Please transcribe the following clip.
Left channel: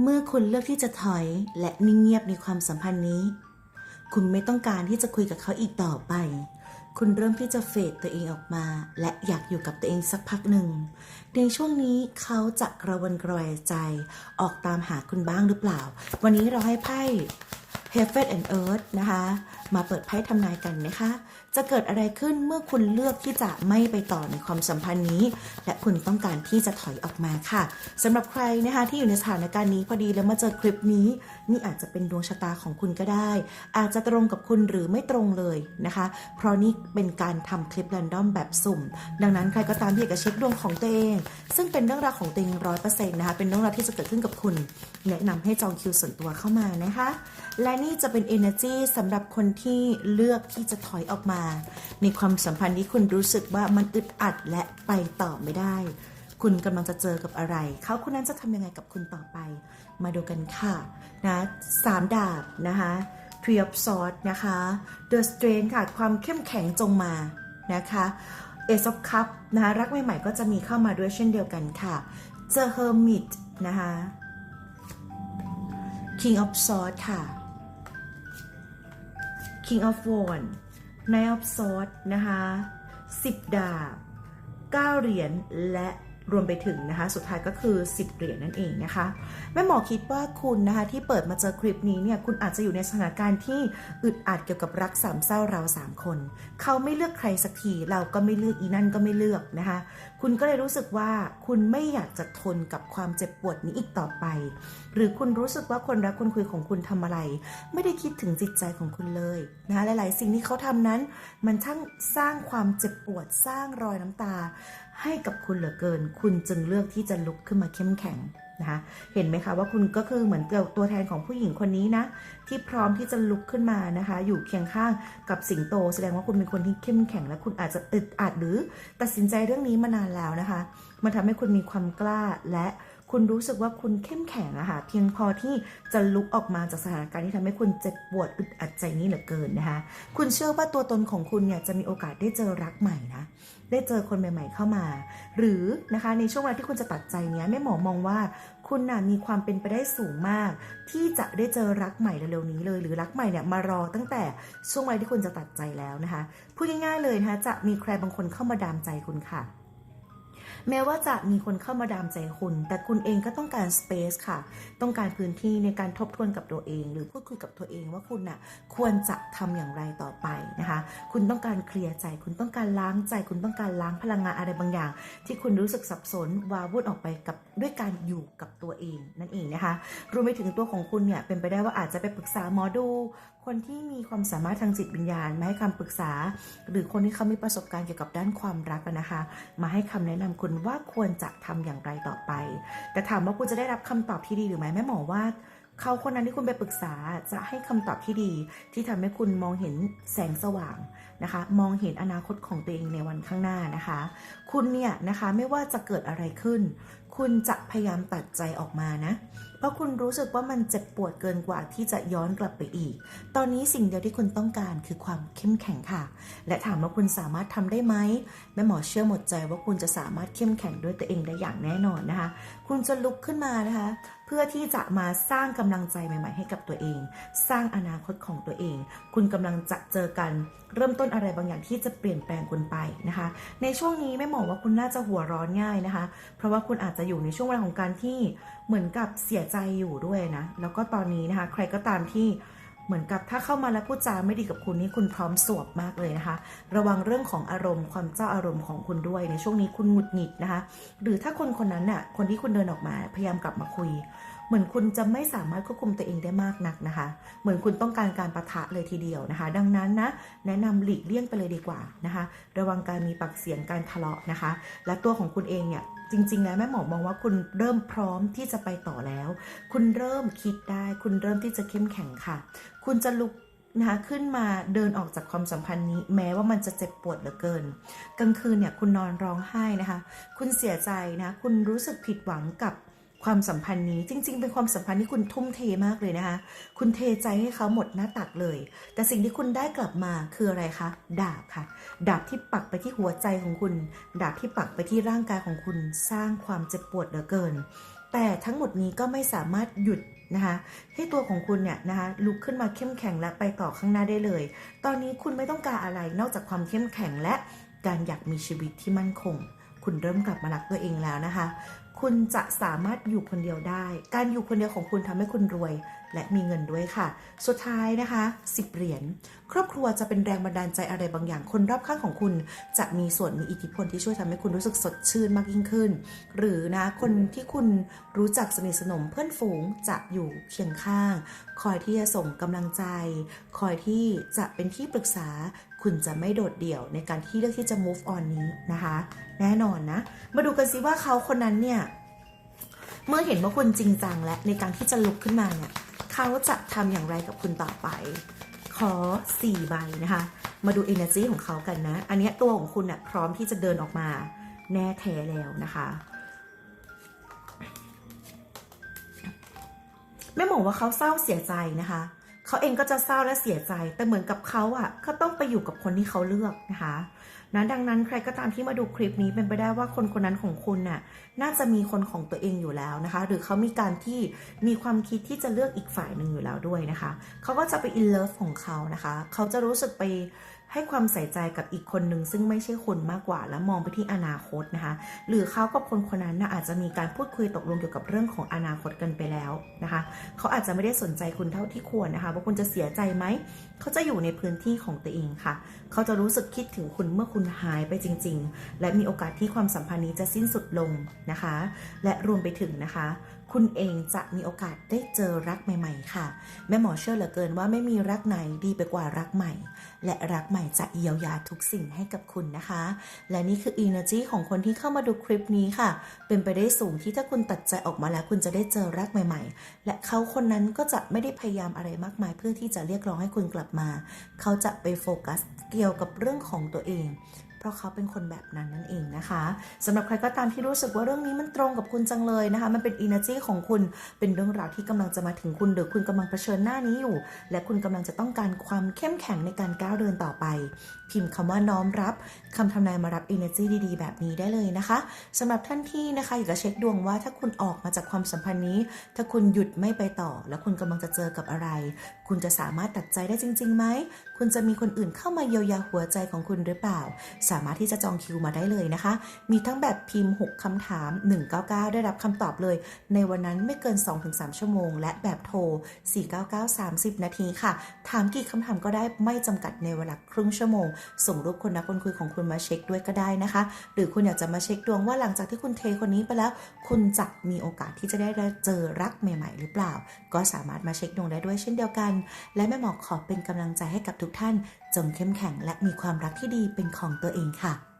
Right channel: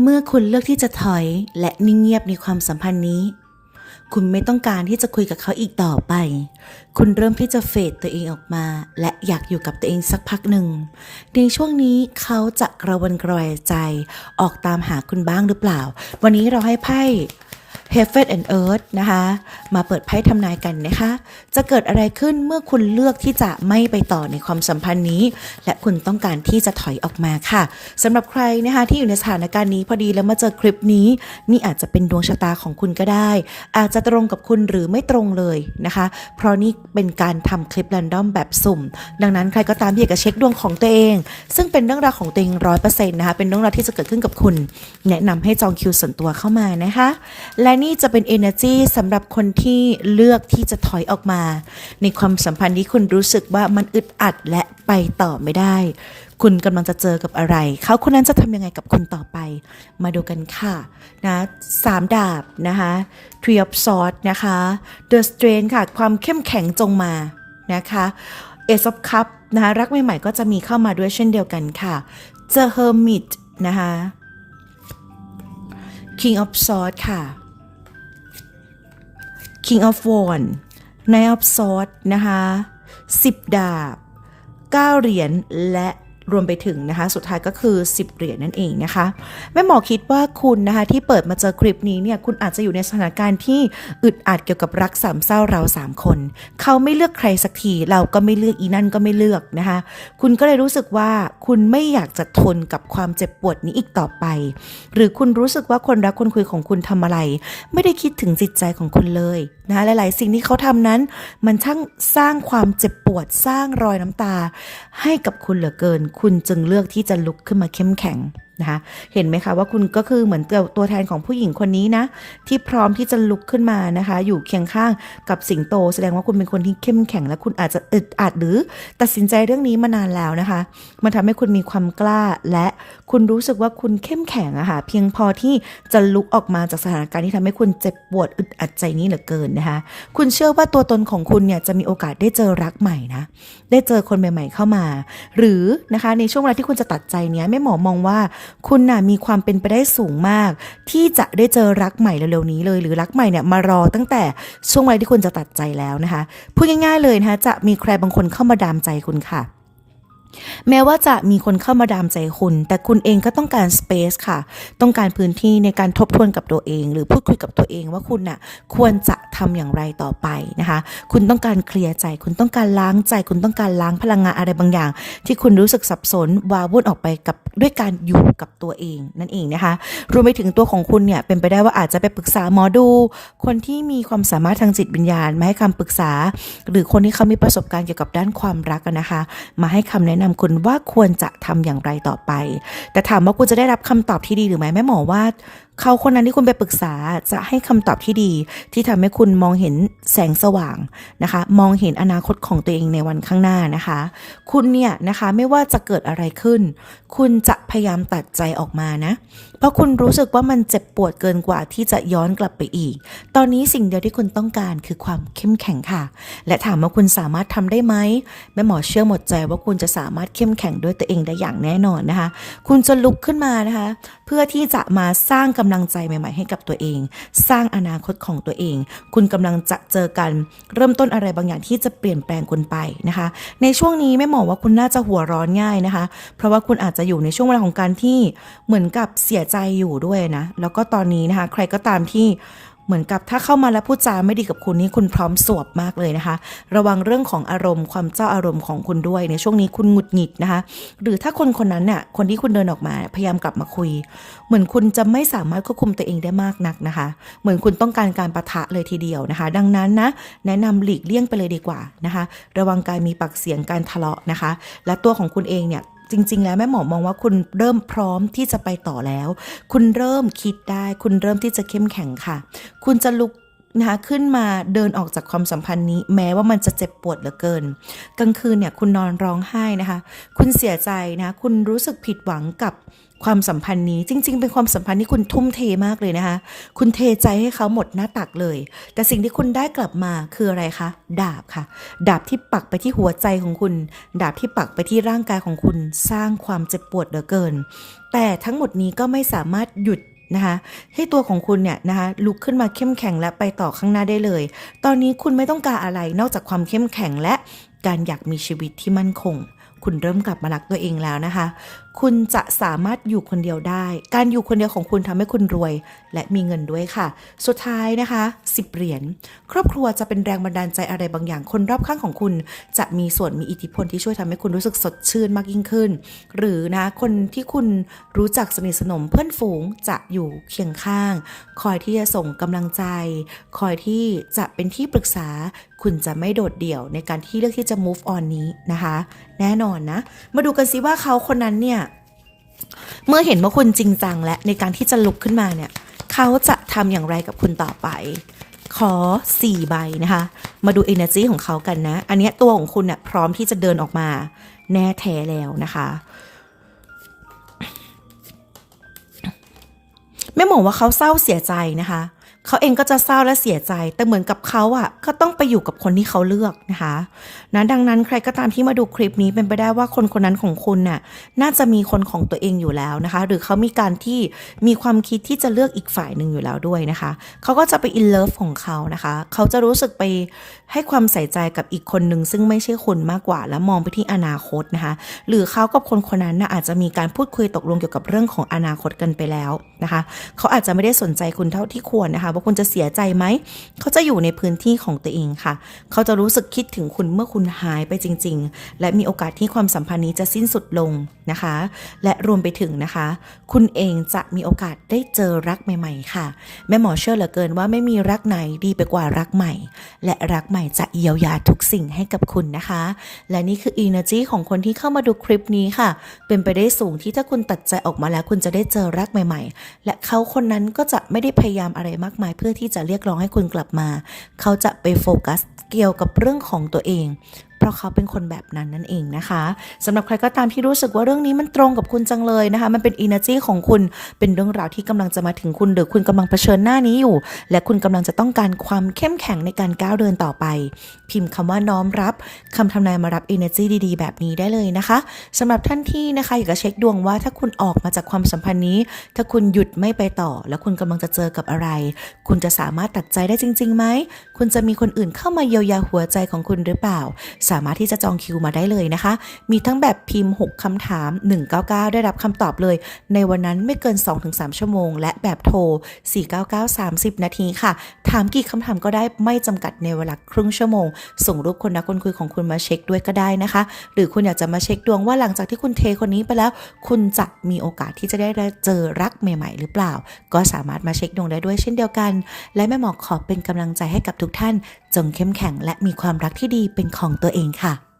เมื่อคุณเลือกที่จะถอยและนิ่งเงียบในความสัมพันธ์นี้ คุณไม่ต้องการที่จะคุยกับเขาอีกต่อไป คุณเริ่มที่จะเฟดตัวเองออกมา และอยากอยู่กับตัวเองสักพักหนึ่ง ในช่วงนี้เขาจะกระวนกระวายใจ ออกตามหาคุณบ้างหรือเปล่า วันนี้เราให้ไพ่ Heaven and Earth นะคะ มาเปิดไพ่ทำนายกันนะคะ จะเกิดอะไรขึ้นเมื่อคุณเลือกที่จะไม่ไปต่อในความสัมพันธ์นี้ และคุณต้องการที่จะถอยออกมาค่ะสำหรับใครนะคะที่อยู่ในสถานการณ์นี้พอดีแล้วมาเจอคลิปนี้ นี่อาจจะเป็นดวงชะตาของคุณก็ได้ อาจจะตรงกับคุณหรือไม่ตรงเลยนะคะ เพราะนี่เป็นการทำคลิป r รนดอมแบบสุ่ม ดังนั้นใครก็ตามที่อยากจะเช็คดวงของตัวเอง ซึ่งเป็นเรื่องราวของตัวเองร้อยเปอร์เซ็นต์นะคะเป็นเรื่องราวที่จะเกิดขึ้นกับคุณ แนะนำให้จองคิวส่วนตัวเข้ามานะคะและนี่จะเป็น energy สำหรับคนที่เลือกที่จะถอยออกมา ในความสัมพันธ์ที่คุณรู้สึกว่ามันอึดอัดและไปต่อไม่ได้ คุณกำลังจะเจอกับอะไร เขาคนนั้นจะทำยังไงกับคุณต่อไป มาดูกันค่ะนะสามดาบนะคะ Three of Swords นะคะ The Strength ค่ะ ความเข้มแข็งจงมานะคะ Ace of Cup นะคะรักใหม่ๆก็จะมีเข้ามาด้วยเช่นเดียวกันค่ะ The Hermit นะคะ King of Swords ค่ะ King of Wands Knight of Swords นะคะ 10 ดาบ 9 เหรียญและ รวมไปถึงนะคะสุดท้ายก็คือ 10 เหรียญนั่นเองนะคะแม่หมอคิดว่าคุณนะคะที่เปิดมาเจอคลิปนี้เนี่ยคุณอาจจะอยู่ในสถานการณ์ที่อึดอัดเกี่ยวกับรักสามเศร้าเราสามคน เขาไม่เลือกใครสักทีเราก็ไม่เลือกอีนั่นก็ไม่เลือกนะคะคุณก็เลยรู้สึกว่าคุณไม่อยากจะทนกับความเจ็บปวดนี้อีกต่อไป หรือคุณรู้สึกว่าคนรักคนคุยของคุณทำอะไร ไม่ได้คิดถึงจิตใจของคุณเลยนะะหลาย ๆ สิ่งที่เขาทำนั้น มันช่างสร้างความเจ็บปวดสร้างรอยน้ำตา ให้กับคุณเหลือเกินคุณจึงเลือกที่จะลุกขึ้นมาเข้มแข็ง นะคะเห็นไหมคะว่าคุณก็คือเหมือนตัวแทนของผู้หญิงคนนี้นะ ที่พร้อมที่จะลุกขึ้นมานะคะ อยู่เคียงข้างกับสิงโต แสดงว่าคุณเป็นคนที่เข้มแข็งและคุณอาจจะอึดอัดหรือตัดสินใจเรื่องนี้มานานแล้วนะคะ มันทำให้คุณมีความกล้าและคุณรู้สึกว่าคุณเข้มแข็งอะค่ะเพียงพอที่จะลุกออกมาจากสถานการณ์ที่ทำให้คุณเจ็บปวดอึดอัดใจนี้เหลือเกินนะคะ คุณเชื่อว่าตัวตนของคุณเนี่ยจะมีโอกาสได้เจอรักใหม่นะ ได้เจอคนใหม่ ๆ เข้ามา หรือนะคะในช่วงเวลาที่คุณจะตัดใจเนี้ยแม่หมอมองว่าคุณน่ะมีความเป็นไปได้สูงมาก ที่จะได้เจอรักใหม่เร็วๆนี้เลย หรือรักใหม่เนี่ยมารอตั้งแต่ช่วงเวลาที่คุณจะตัดใจแล้วนะคะพูดง่ายๆเลยนะคะจะมีใครบางคนเข้ามาดามใจคุณค่ะ แม้ว่าจะมีคนเข้ามาดามใจคุณ แต่คุณเองก็ต้องการสเปซค่ะ ต้องการพื้นที่ในการทบทวนกับตัวเอง หรือพูดคุยกับตัวเองว่าคุณน่ะควรจะทำอย่างไรต่อไปนะคะ คุณต้องการเคลียร์ใจ คุณต้องการล้างใจ คุณต้องการล้างพลังงานอะไรบางอย่าง ที่คุณรู้สึกสับสนวาวุ่นออกไปกับด้วยการอยู่กับตัวเองนั่นเองนะคะรวมไปถึงตัวของคุณเนี่ยเป็นไปได้ว่าอาจจะไปปรึกษาหมอดู คนที่มีความสามารถทางจิตวิญญาณมาให้คำปรึกษา หรือคนที่เขามีประสบการณ์เกี่ยวกับด้านความรักนะคะ มาให้คำแนะนนำคุณว่าควรจะทำอย่างไรต่อไป แต่ถามว่าคุณจะได้รับคำตอบที่ดีหรือไม่แม่หมอว่า เขาคนนั้นที่คุณไปปรึกษาจะให้คำตอบที่ดี ที่ทำให้คุณมองเห็นแสงสว่างนะคะ มองเห็นอนาคตของตัวเองในวันข้างหน้านะคะ คุณเนี่ยนะคะไม่ว่าจะเกิดอะไรขึ้น คุณจะพยายามตัดใจออกมานะ เพราะคุณรู้สึกว่ามันเจ็บปวดเกินกว่าที่จะย้อนกลับไปอีก ตอนนี้สิ่งเดียวที่คุณต้องการคือความเข้มแข็งค่ะ และถามว่าคุณสามารถทำได้ไหมแม่หมอเชื่อหมดใจว่าคุณจะสามารถเข้มแข็งด้วยตัวเองได้อย่างแน่นอนนะคะ คุณจะลุกขึ้นมานะคะ พื่อที่จะมาสร้างกำลังใจใหม่ ๆ ให้กับตัวเอง สร้างอนาคตของตัวเอง คุณกำลังจะเจอกันเริ่มต้นอะไรบางอย่างที่จะเปลี่ยนแปลงคุณไปนะคะ ในช่วงนี้ไม่หมอว่าคุณน่าจะหัวร้อนง่ายนะคะ เพราะว่าคุณอาจจะอยู่ในช่วงเวลาของการที่เหมือนกับเสียใจอยู่ด้วยนะแล้วก็ตอนนี้นะคะ ใครก็ตามที่ เหมือนกับถ้าเข้ามาแล้วพูดจาไม่ดีกับคุณนี่คุณพร้อมสวบมากเลยนะคะ ระวังเรื่องของอารมณ์ความเจ้าอารมณ์ของคุณด้วย ในช่วงนี้คุณหงุดหงิดนะคะ หรือถ้าคนคนนั้นน่ะคนที่คุณเดินออกมาพยายามกลับมาคุย เหมือนคุณจะไม่สามารถควบคุมตัวเองได้มากนักนะคะ เหมือนคุณต้องการการประทะเลยทีเดียวนะคะ ดังนั้นนะแนะนำหลีกเลี่ยงไปเลยดีกว่านะคะ ระวังการมีปากเสียงการทะเลาะนะคะ และตัวของคุณเองเนี่ย จริง ๆ แล้วแม่หมอมองว่าคุณเริ่มพร้อมที่จะไปต่อแล้ว คุณเริ่มคิดได้ คุณเริ่มที่จะเข้มแข็งค่ะ คุณจะลุกนะคะขึ้นมาเดินออกจากความสัมพันธ์นี้ แม้ว่ามันจะเจ็บปวดเหลือเกิน กลางคืนเนี่ยคุณนอนร้องไห้นะคะ คุณเสียใจนะ คุณรู้สึกผิดหวังกับ ความสัมพันธ์นี้จริง ๆ เป็นความสัมพันธ์ที่คุณทุ่มเทมากเลยนะคะ คุณเทใจให้เขาหมดหน้าตักเลย แต่สิ่งที่คุณได้กลับมาคืออะไรคะ ดาบค่ะ ดาบที่ปักไปที่หัวใจของคุณ ดาบที่ปักไปที่ร่างกายของคุณสร้างความเจ็บปวดเหลือเกิน แต่ทั้งหมดนี้ก็ไม่สามารถหยุดนะคะให้ตัวของคุณเนี่ยนะคะลุกขึ้นมาเข้มแข็งและไปต่อข้างหน้าได้เลย ตอนนี้คุณไม่ต้องการอะไรนอกจากความเข้มแข็งและการอยากมีชีวิตที่มั่นคง คุณเริ่มกลับมารักตัวเองแล้วนะคะ คุณจะสามารถอยู่คนเดียวได้ การอยู่คนเดียวของคุณทำให้คุณรวย และมีเงินด้วยค่ะ สุดท้ายนะคะ 10 เหรียญ ครอบครัวจะเป็นแรงบันดาลใจอะไรบางอย่าง คนรอบข้างของคุณ จะมีส่วนมีอิทธิพลที่ช่วยทำให้คุณรู้สึกสดชื่นมากยิ่งขึ้น หรือนะคนที่คุณรู้จักสนิทสนมเพื่อนฝูงจะอยู่เคียงข้าง คอยที่จะส่งกำลังใจ คอยที่จะเป็นที่ปรึกษาคุณจะไม่โดดเดี่ยวในการที่เลือกที่จะ move on นี้นะคะ แน่นอนนะ มาดูกันซิว่าเขาคนนั้นเนี่ย เมื่อเห็นว่าคุณจริงจังและในการที่จะลุกขึ้นมาเนี่ยเขาจะทำอย่างไรกับคุณต่อไป ขอ 4 ใบนะคะ มาดู energy ของเขากันนะ อันนี้ตัวของคุณเนี่ยพร้อมที่จะเดินออกมาแน่แท้แล้วนะคะแม่หมอว่าเขาเศร้าเสียใจนะคะ เขาเองก็จะเศร้าและเสียใจ แต่เหมือนกับเขาอะก็ต้องไปอยู่กับคนที่เขาเลือกนะคะนะดังนั้นใครก็ตามที่มาดูคลิปนี้เป็นไปได้ว่าคนคนนั้นของคุณน่ะน่าจะมีคนของตัวเองอยู่แล้วนะคะ หรือเขามีการที่มีความคิดที่จะเลือกอีกฝ่ายหนึ่งอยู่แล้วด้วยนะคะ เขาก็จะไปอินเลิฟของเขานะคะ เขาจะรู้สึกไปให้ความใส่ใจกับอีกคนหนึ่งซึ่งไม่ใช่คุณมากกว่า และมองไปที่อนาคตนะคะ หรือเขากับคนคนนั้นนะอาจจะมีการพูดคุยตกลงเกี่ยวกับเรื่องของอนาคตกันไปแล้วนะคะ เขาอาจจะไม่ได้สนใจคุณเท่าที่ควรนะคะว่าคุณจะเสียใจไหม เขาจะอยู่ในพื้นที่ของตัวเองค่ะ เขาจะรู้สึกคิดถึงคุณเมื่อคุณหายไปจริง ๆ และมีโอกาสที่ความสัมพันธ์นี้จะสิ้นสุดลงนะคะ และรวมไปถึงนะคะ คุณเองจะมีโอกาสได้เจอรักใหม่ ๆ ค่ะ แม่หมอเชื่อเหลือเกินว่าไม่มีรักไหนดีไปกว่ารักใหม่ และรักใหม่จะเยียวยาทุกสิ่งให้กับคุณนะคะ และนี่คือ energy ของคนที่เข้ามาดูคลิปนี้ค่ะ เป็นไปได้สูงที่ถ้าคุณตัดใจออกมาแล้วคุณจะได้เจอรักใหม่ ๆ และเขาคนนั้นก็จะไม่ได้พยายามอะไรมากมายเพื่อที่จะเรียกร้องให้คุณกลับมา เขาจะไปโฟกัสเกี่ยวกับเรื่องของตัวเอง เพราะเขาเป็นคนแบบนั้นนั่นเองนะคะสำหรับใครก็ตามที่รู้สึกว่าเรื่องนี้มันตรงกับคุณจังเลยนะคะ มันเป็น energy ของคุณเป็นเรื่องราวที่กำลังจะมาถึงคุณหรือคุณกำลังเผชิญหน้านี้อยู่ และคุณกำลังจะต้องการความเข้มแข็งในการก้าวเดินต่อไป พิมพ์คำว่าน้อมรับคำทำนายมารับ energy ดี ๆ แบบนี้ได้เลยนะคะสำหรับท่านที่นะคะอยากจะเช็คดวงว่าถ้าคุณออกมาจากความสัมพันธ์นี้ ถ้าคุณหยุดไม่ไปต่อ แล้วคุณกำลังจะเจอกับอะไร คุณจะสามารถตัดใจได้จริงๆไหมคุณจะมีคนอื่นเข้ามาเยียวยาหัวใจของคุณหรือเปล่าสามารถที่จะจองคิวมาได้เลยนะคะ มีทั้งแบบพิมพ์ 6คำถาม 199 ได้รับคำตอบเลย ในวันนั้นไม่เกิน 2-3 ชั่วโมง และแบบโทร 499 30 นาทีค่ะ ถามกี่คำถามก็ได้ไม่จำกัดในเวลาครึ่งชั่วโมง ส่งรูปคนนักคนคุยของคุณมาเช็คด้วยก็ได้นะคะ หรือคุณอยากจะมาเช็คดวงว่าหลังจากที่คุณเทคนนี้ไปแล้ว คุณจะมีโอกาสที่จะได้เจอรักใหม่ ๆ หรือเปล่า ก็สามารถมาเช็คดวงได้ด้วยเช่นเดียวกัน และแม่หมอขอเป็นกำลังใจให้กับทุกท่าน จงเข้มแข็งและมีความรักที่ดีเป็นของตัวเองค่ะ